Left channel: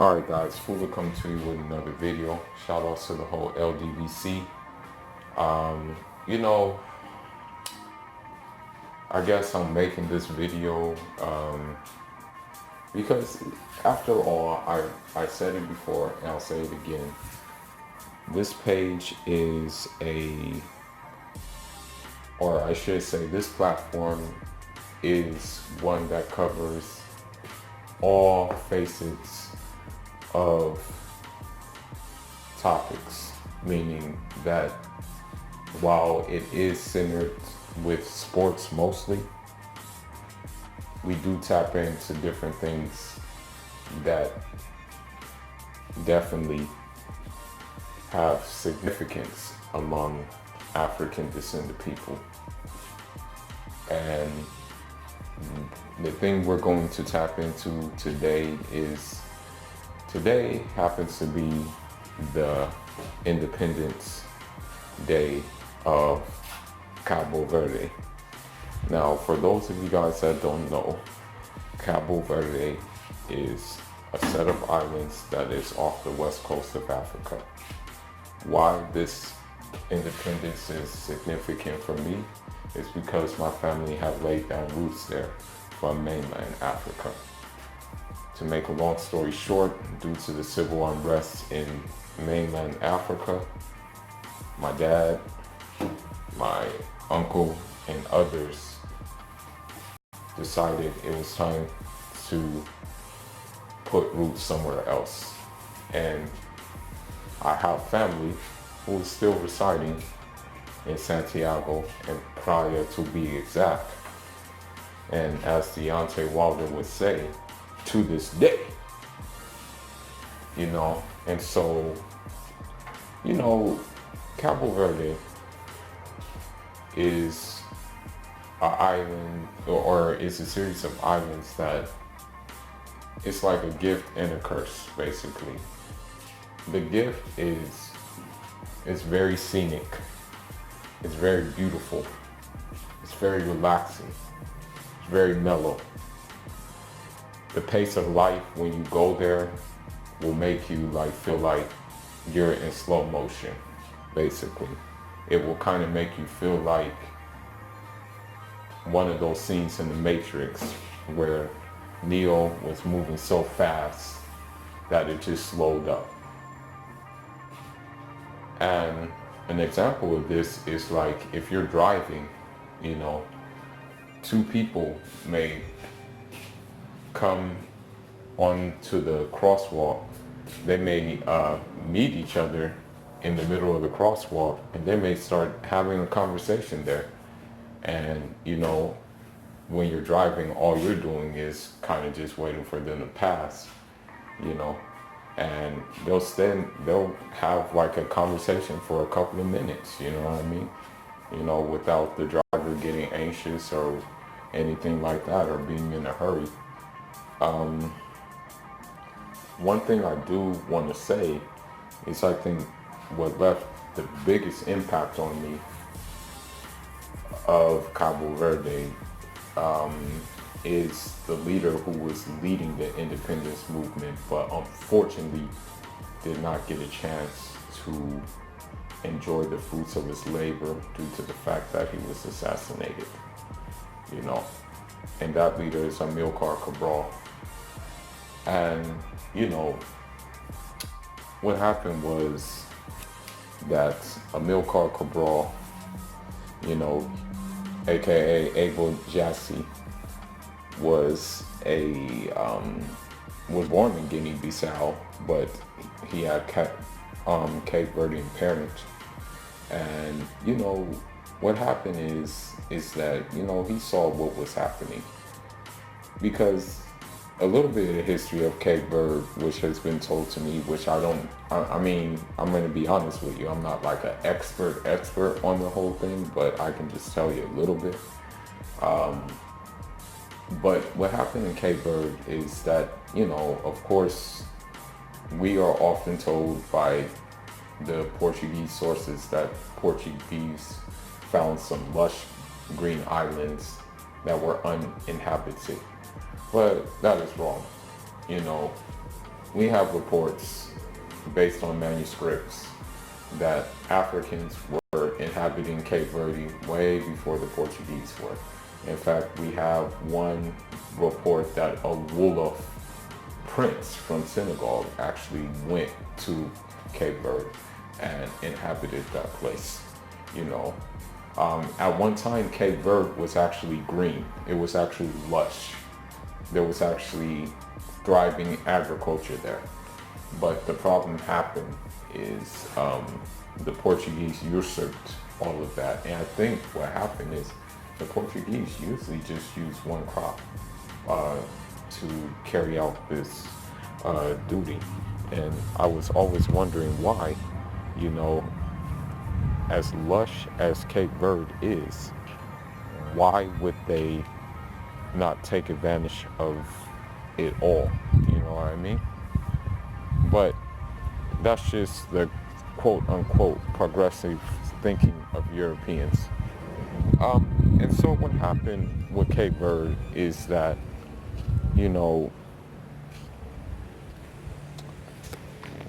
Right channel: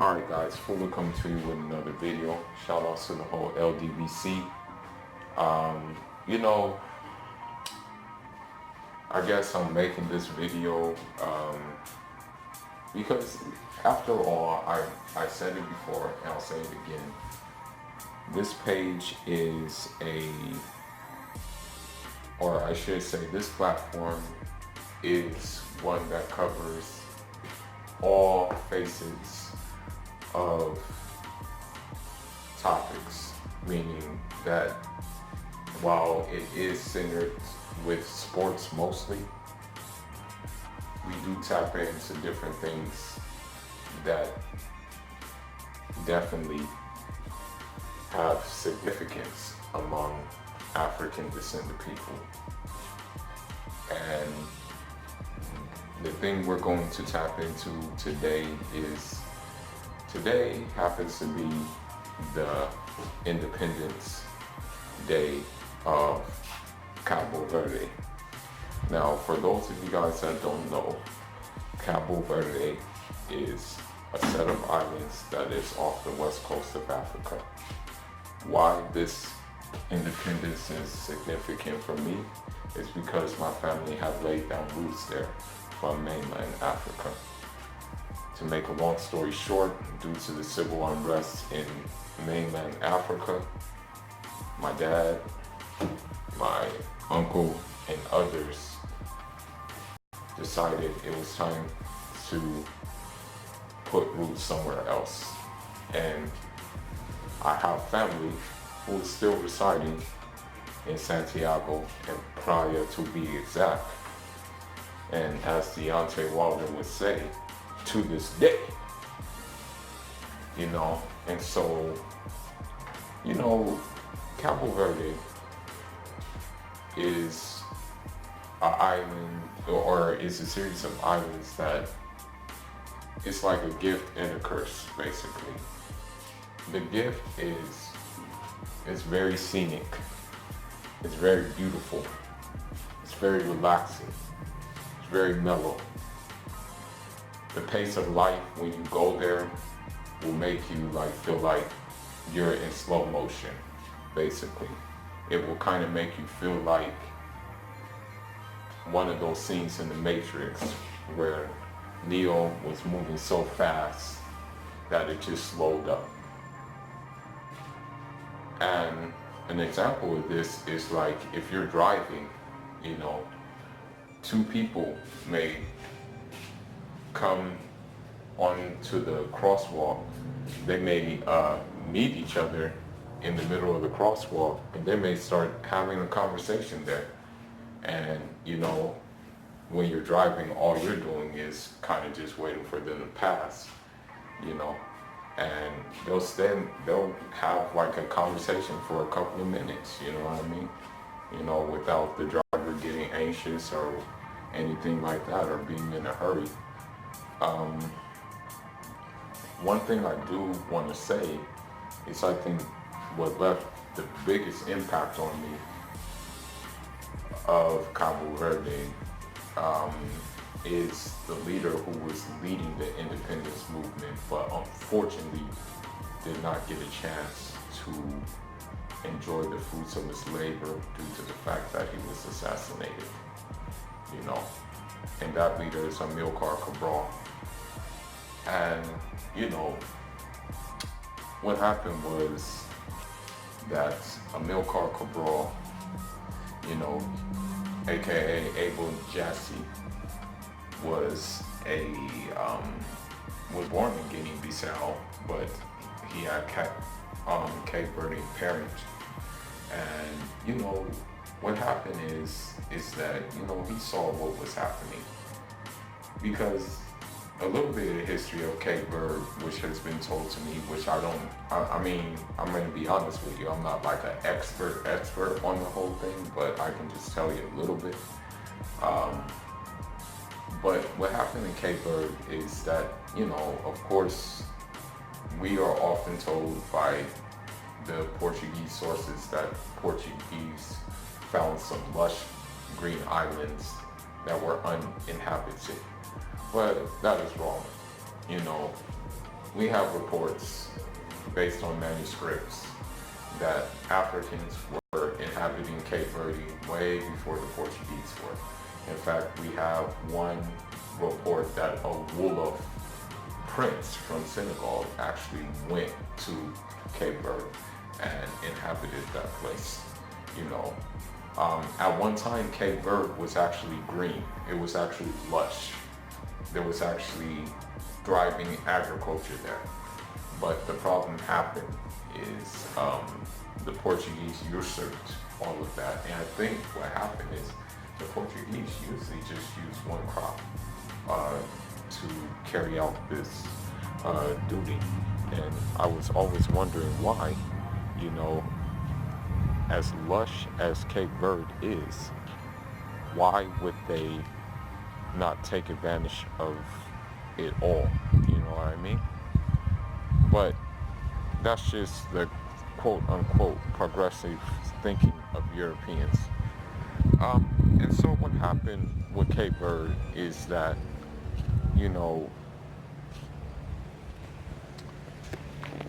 Alright guys, Luta Continua with another video. Shout outs to the whole LDVC. Um, you know, I guess I'm making this video because after all, I said it before and I'll say it again. This page is or I should say this platform is one that covers all facets of topics, meaning that while it is centered with sports mostly, we do tap into different things that definitely have significance among African descended people. And the thing we're going to tap into today happens to be the Independence Day of Cabo Verde. Now, for those of you guys that don't know, Cabo Verde is a set of islands that is off the west coast of Africa. Why this independence is significant for me is because my family have laid down roots there from mainland Africa. To make a long story short, due to the civil unrest in mainland Africa, my dad, my uncle, and others decided it was time to put roots somewhere else. And I have family who is still residing in Santiago and Praia, to be exact. And as Deontay Wilder would say, to this day, and so, Cabo Verde is an island, or is a series of islands that it's like a gift and a curse, basically. The gift is very scenic, it's very beautiful, it's very relaxing, it's very mellow. The pace of life when you go there will make you feel like you're in slow motion, basically. It will kind of make you feel like one of those scenes in The Matrix where Neo was moving so fast that it just slowed up. And an example of this is like if you're driving, two people may come onto the crosswalk. They may meet each other in the middle of the crosswalk, and they may start having a conversation there. And when you're driving, all you're doing is kind of just waiting for them to pass, and they'll have like a conversation for a couple of minutes, you know what I mean? Without the driver getting anxious or anything like that, or being in a hurry. One thing I do want to say is I think what left the biggest impact on me of Cabo Verde is the leader who was leading the independence movement, but unfortunately did not get a chance to enjoy the fruits of his labor due to the fact that he was assassinated, and that leader is Amilcar Cabral. And what happened was that Amilcar Cabral, aka Abel Jassy, was born in Guinea-Bissau, but he had Cape Verdean parents. And what happened is that he saw what was happening, because a little bit of the history of Cape Verde, which has been told to me, which I'm going to be honest with you, I'm not like an expert on the whole thing, but I can just tell you a little bit. But what happened in Cape Verde is that, of course, we are often told by the Portuguese sources that Portuguese found some lush green islands that were uninhabited. But that is wrong. we have reports based on manuscripts that Africans were inhabiting Cape Verde way before the Portuguese were. In fact, we have one report that a Wolof prince from Senegal actually went to Cape Verde and inhabited that place. You know, at one time, Cape Verde was actually green. It was actually lush. There was actually thriving agriculture there. But the problem happened is the Portuguese usurped all of that. And I think what happened is the Portuguese usually just use one crop to carry out this duty. And I was always wondering why, you know, as lush as Cape Verde is, why would they not take advantage of it all? You know what I mean? But that's just the quote unquote progressive thinking of Europeans. And so what happened with Cape Verde is that, you know,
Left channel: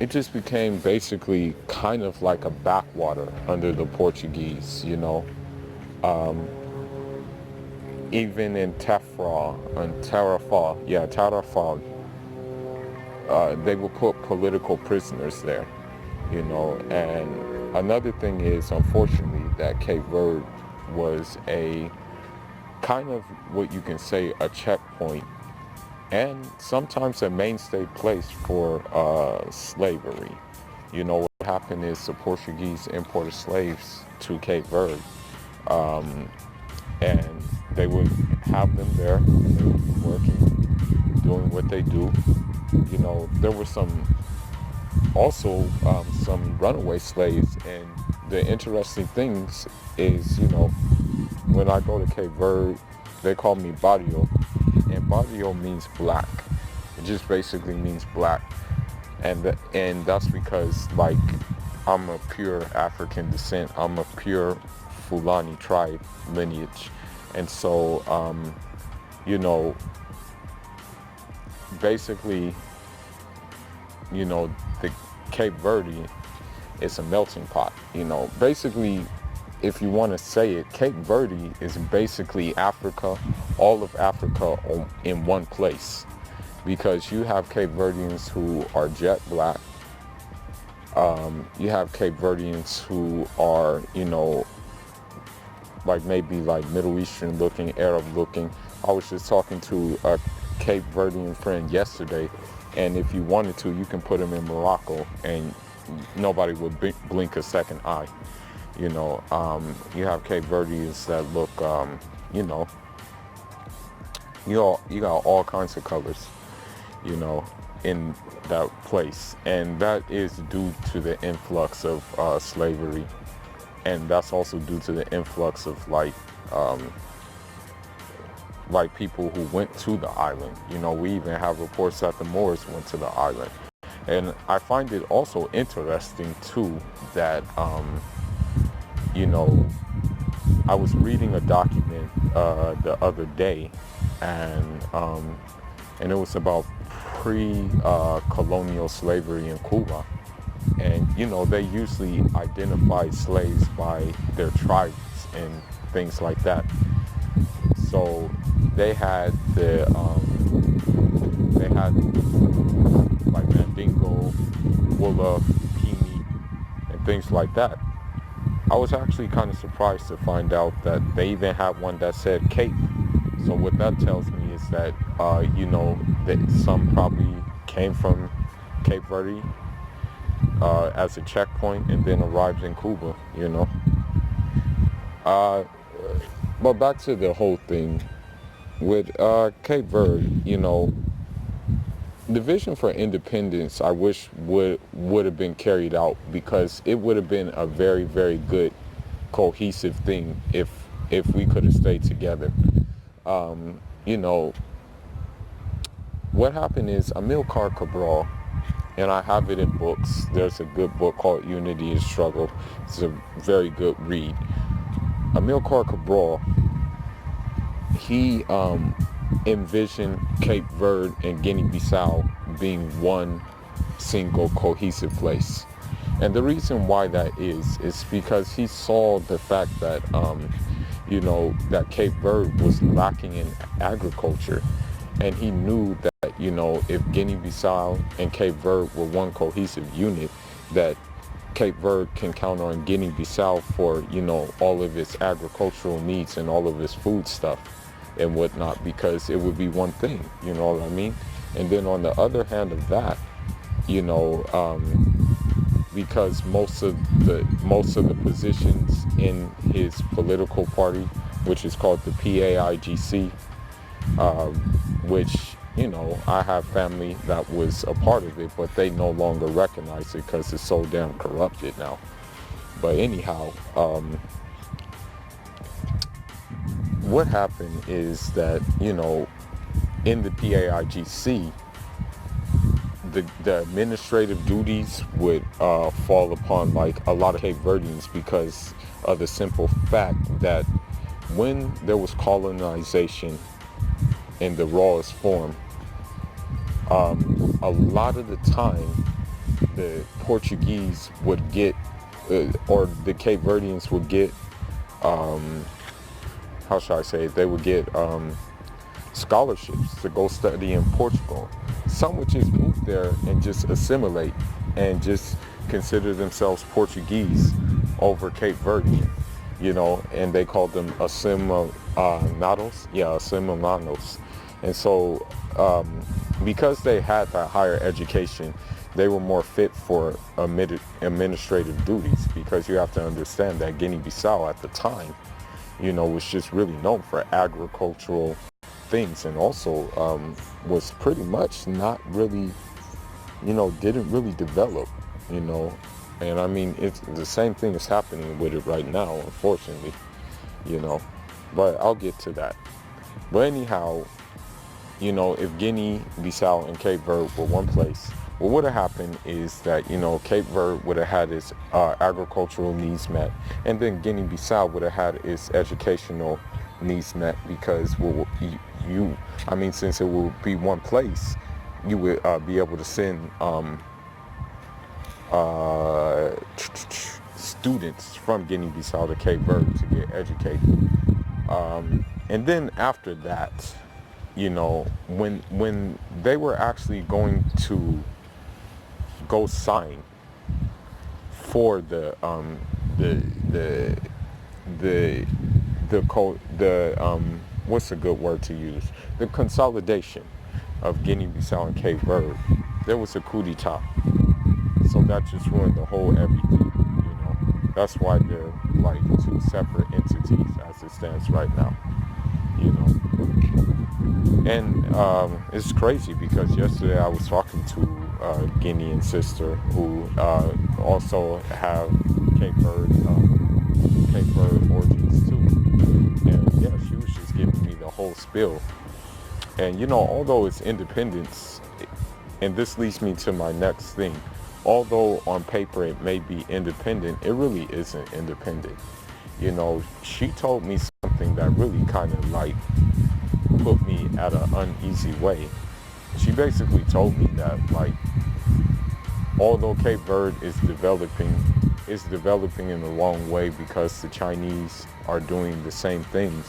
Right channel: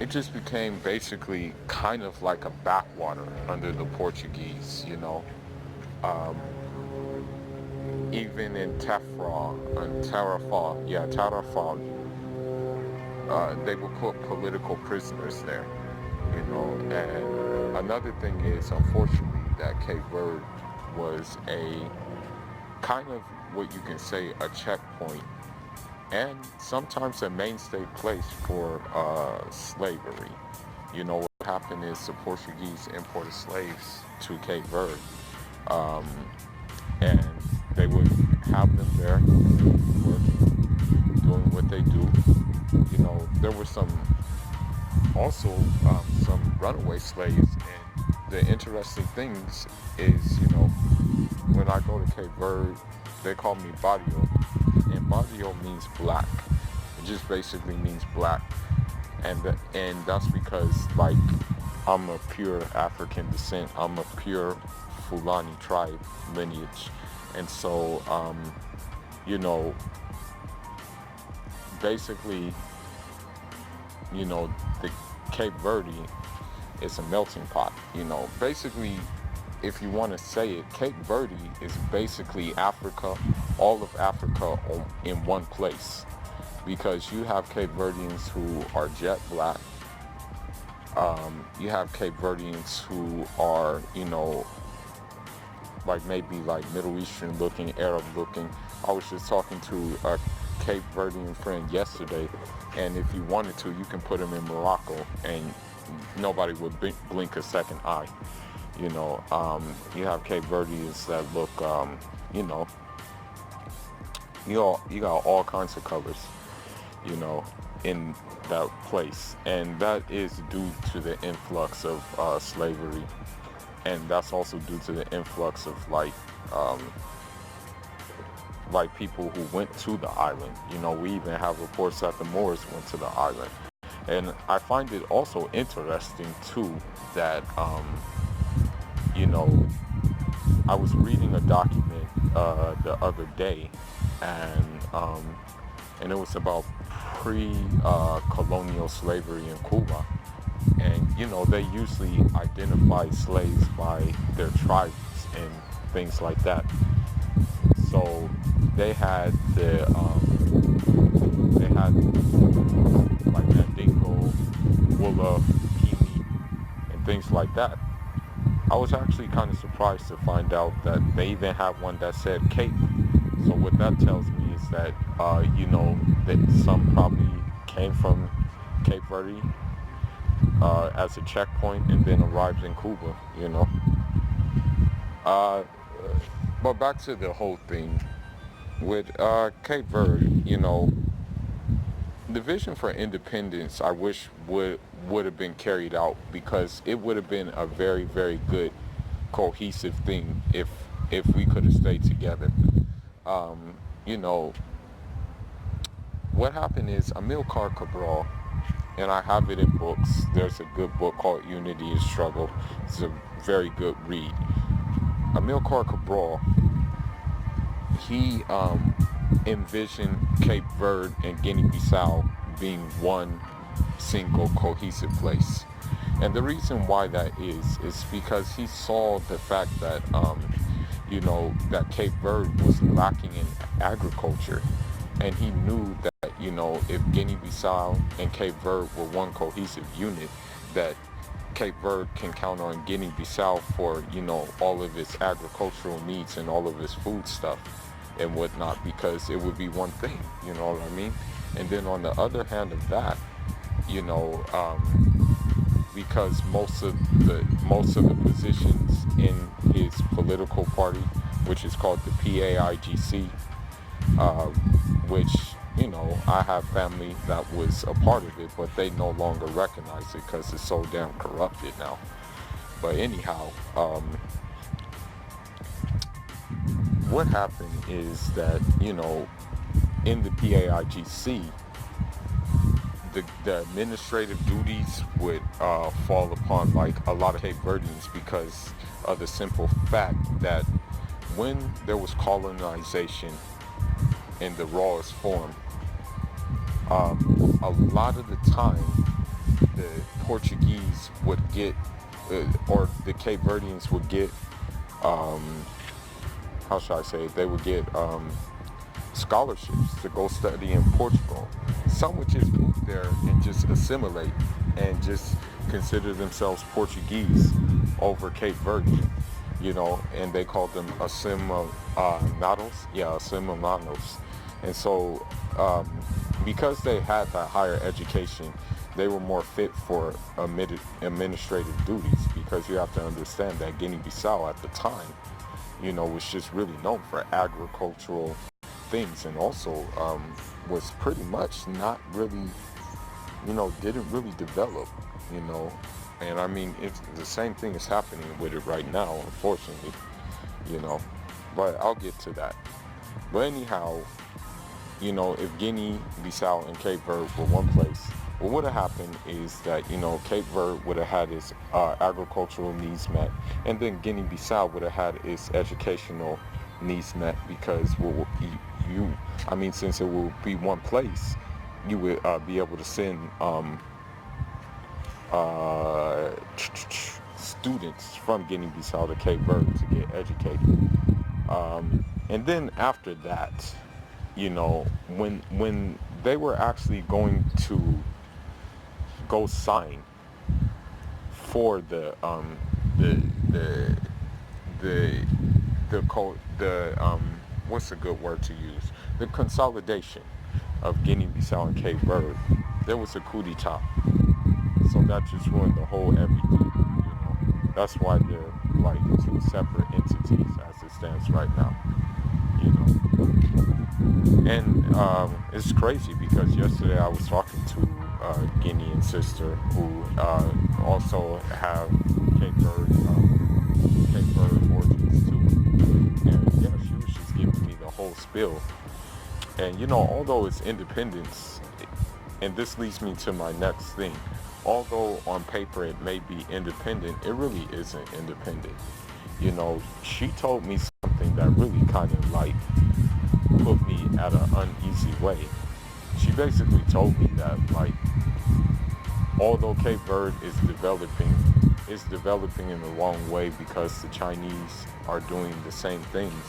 it just became basically kind of like a backwater under the Portuguese, you know. Even in Tarrafal, they would put political prisoners there, you know. And another thing is, unfortunately, that Cape Verde was a kind of what you can say a checkpoint and sometimes a mainstay place for slavery. You know, what happened is the Portuguese imported slaves to Cape Verde, and they would have them there, and they would be working, doing what they do. You know, there were also some runaway slaves, and the interesting things is, you know, when I go to Cape Verde, they call me Barrio, and Barrio means black. It just basically means black, and that's because, like, I'm a pure African descent. I'm a pure Fulani tribe lineage, and so you know, basically, you know, the Cape Verde is a melting pot. You know, basically, if you want to say it, Cape Verde is basically Africa, all of Africa in one place, because you have Cape Verdeans who are jet black. You have Cape Verdeans who are, you know, like maybe like Middle Eastern looking, Arab looking. I was just talking to a Cape Verdean friend yesterday, and if you wanted to, you can put him in Morocco and nobody would blink a second eye. You know, you have Cape Verdeans that look, you know, you got all kinds of colors, you know, in that place, and that is due to the influx of slavery, and that's also due to the influx of like people who went to the island. You know, we even have reports that the Moors went to the island, and I find it also interesting too that you know, I was reading a document the other day, and it was about pre-colonial slavery in Cuba. And, you know, they usually identify slaves by their tribes and things like that. So they had like Mandingo, Wolof, Pimi, and things like that. I was actually kind of surprised to find out that they even have one that said Cape. So what that tells me is that, you know, that some probably came from Cape Verde as a checkpoint and then arrived in Cuba, you know. But back to the whole thing with Cape Verde, you know, the vision for independence, I wish would have been carried out, because it would have been a very, very good cohesive thing if we could have stayed together. You know, what happened is Amilcar Cabral, and I have it in books. There's a good book called Unity is Struggle. It's a very good read. Amilcar Cabral, he envisioned Cape Verde and Guinea-Bissau being one single cohesive place. And the reason why that is because he saw the fact that that Cape Verde was lacking in agriculture, and he knew that if Guinea-Bissau and Cape Verde were one cohesive unit, that Cape Verde can count on Guinea-Bissau for all of its agricultural needs and all of its food stuff and whatnot, because it would be one thing, you know what I mean? And then on the other hand of that, because most of the positions in his political party, which is called the PAIGC, which I have family that was a part of it, but they no longer recognize it because it's so damn corrupted now. But anyhow, what happened is that in the PAIGC, the administrative duties would fall upon like a lot of Cape Verdeans, because of the simple fact that when there was colonization in the rawest form, a lot of the time the Portuguese would get, or the Cape Verdeans would get, how should I say it? They would get scholarships to go study in Portugal. Some would just move there and just assimilate and just consider themselves Portuguese over Cape Verdean, and they called them assimilados. Assimilados. And so because they had that higher education, they were more fit for administrative duties, because you have to understand that Guinea-Bissau at the time, was just really known for agricultural things, and also was pretty much not really, didn't really develop, and I mean, it's the same thing is happening with it right now, unfortunately, but I'll get to that. But anyhow, if Guinea-Bissau and Cape Verde were one place, what would have happened is that, Cape Verde would have had its agricultural needs met, and then Guinea-Bissau would have had its educational needs met, because since it will be one place, you would be able to send students from Guinea-Bissau to Cape Verde to get educated. And then after that, when they were actually going to go sign for what's a good word to use? The consolidation of Guinea-Bissau and Cape Verde, there was a coup d'etat. So that just ruined the whole everything, That's why they're like two separate entities as it stands right now, And it's crazy, because yesterday I was talking to a Guinean sister who also have Cape Verde origins too. And yeah, she was just giving me the whole spiel. And although it's independence, and this leads me to my next thing, although on paper it may be independent, it really isn't independent. She told me something that really kind of like put me at an uneasy way. She basically told me that, like, although Cape Verde is developing in the wrong way, because the Chinese are doing the same things,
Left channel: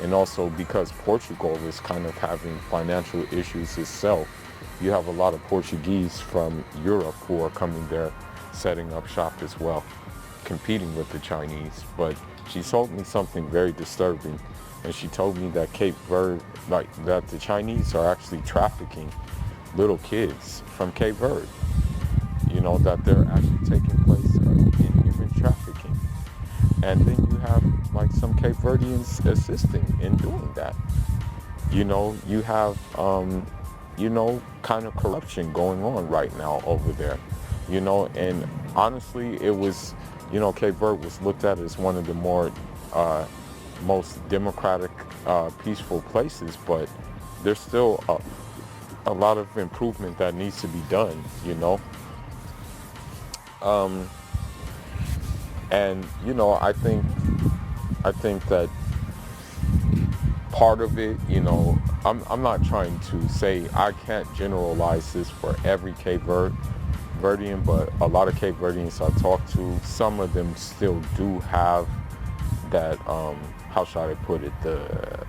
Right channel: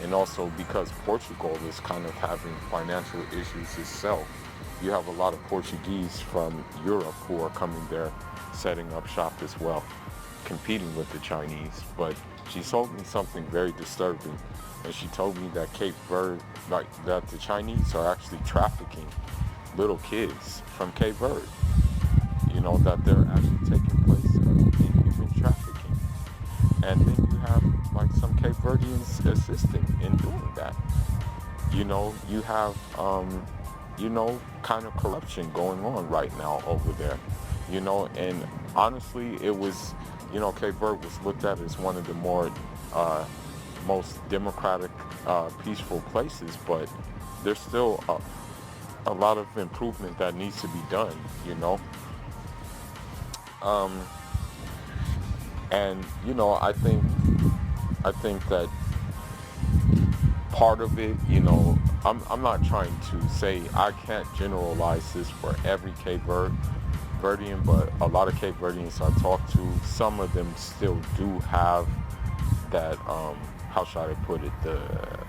and also because Portugal is kind of having financial issues itself. You have a lot of Portuguese from Europe who are coming there, setting up shop as well, competing with the Chinese. But she told me something very disturbing, and she told me that Cape Verde, that the Chinese are actually trafficking little kids from Cape Verde. That they're actually taking place in human trafficking. And then you have like some Cape Verdeans assisting in doing that. You have kind of corruption going on right now over there. And honestly, it was, Cape Verde was looked at as one of the more most democratic, peaceful places, but there's still a lot of improvement that needs to be done, and I think that part of it. You know, I'm not trying to say, I can't generalize this for every Verdean, but a lot of Cape Verdeans I talk to, some of them still do have that, how should I put it, the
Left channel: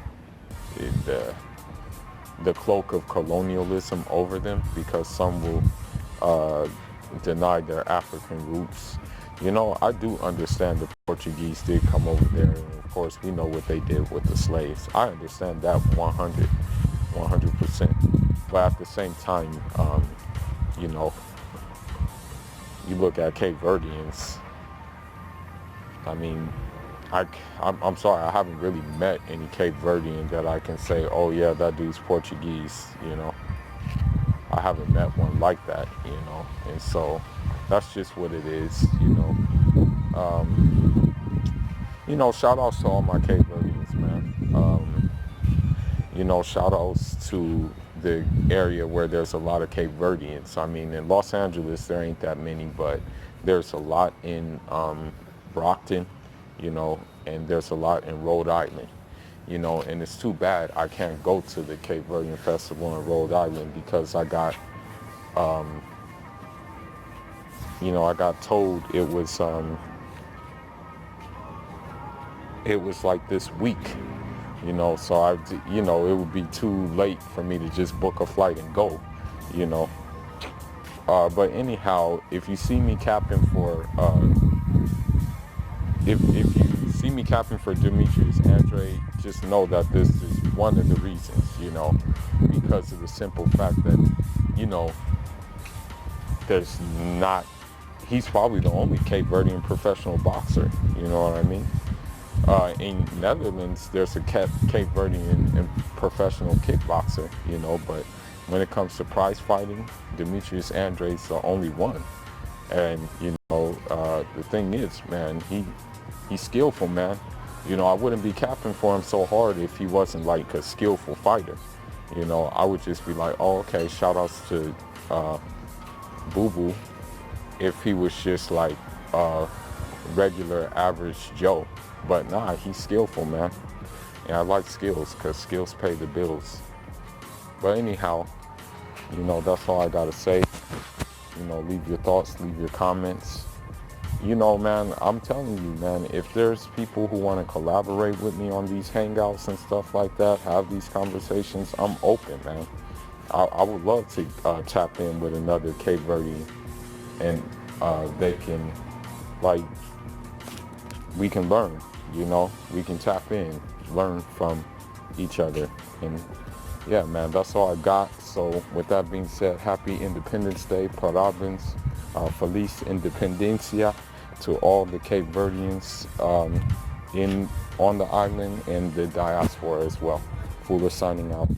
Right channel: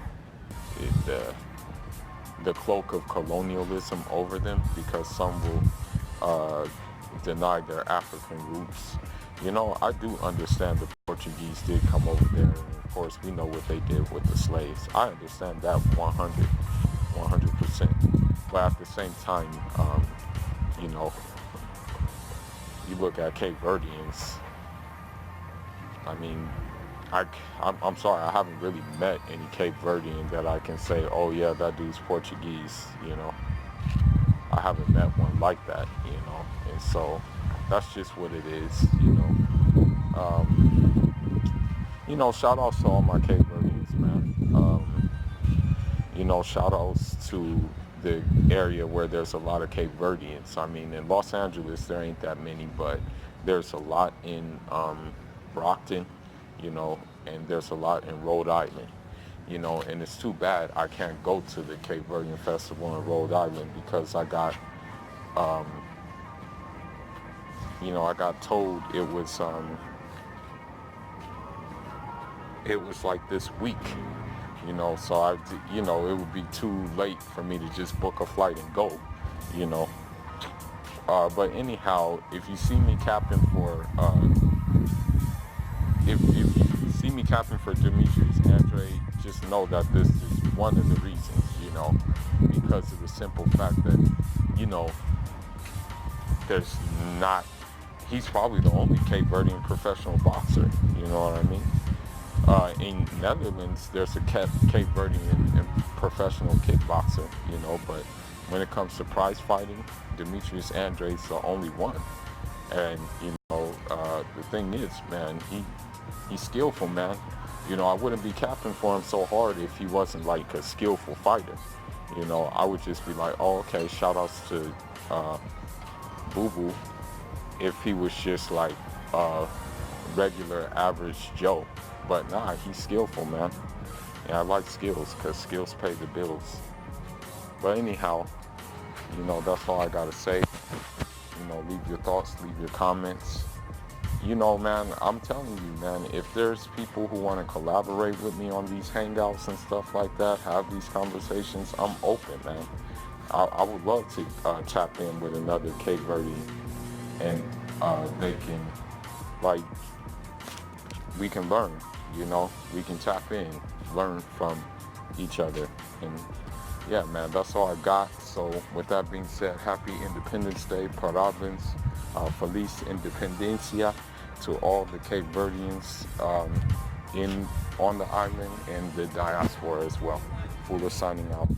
the cloak of colonialism over them, because some will deny their African roots. You know, I do understand the Portuguese did come over there, and of course we know what they did with the slaves. I understand that 100%. But at the same time, you know, you look at Cape Verdeans, I mean, I'm sorry, I haven't really met any Cape Verdean that I can say, oh yeah, that dude's Portuguese, you know. I haven't met one like that, you know. And so that's just what it is, you know. You know, shout outs to all my Cape Verdeans, man. You know, shout outs to the area where there's a lot of Cape Verdeans. I mean, in Los Angeles, there ain't that many, but there's a lot in Brockton, you know, and there's a lot in Rhode Island, you know, and it's too bad I can't go to the Cape Verdean Festival in Rhode Island because I got, you know, I got told it was like this week, you know, so you know, it would be too late for me to just book a flight and go, you know. But anyhow, if you see me capping for, if you see me capping for Demetrius Andre, just know that this is one of the reasons, you know, because of the simple fact that, you know, there's not, he's probably the only Cape Verdean professional boxer, you know what I mean? In Netherlands, there's a Cape Verdean and professional kickboxer, you know, but when it comes to prize fighting, Demetrius Andre's the only one. And, you know, the thing is, man, he's skillful, man. You know, I wouldn't be capping for him so hard if he wasn't like a skillful fighter. You know, I would just be like, oh, okay, shout outs to Boo Boo, if he was just like regular average Joe. But nah, he's skillful, man. And I like skills, because skills pay the bills. But anyhow, you know, that's all I gotta say. You know, leave your thoughts, leave your comments. You know, man, I'm telling you, man, if there's people who want to collaborate with me on these hangouts and stuff like that, have these conversations, I'm open, man. I would love to tap in with another Cape Verde, and they can, like, we can learn, you know, we can tap in, learn from each other. And yeah, man, that's all I got. So with that being said, happy Independence Day, Parabéns, Feliz Independencia to all the Cape Verdeans on the island and the diaspora as well. Fuller signing out.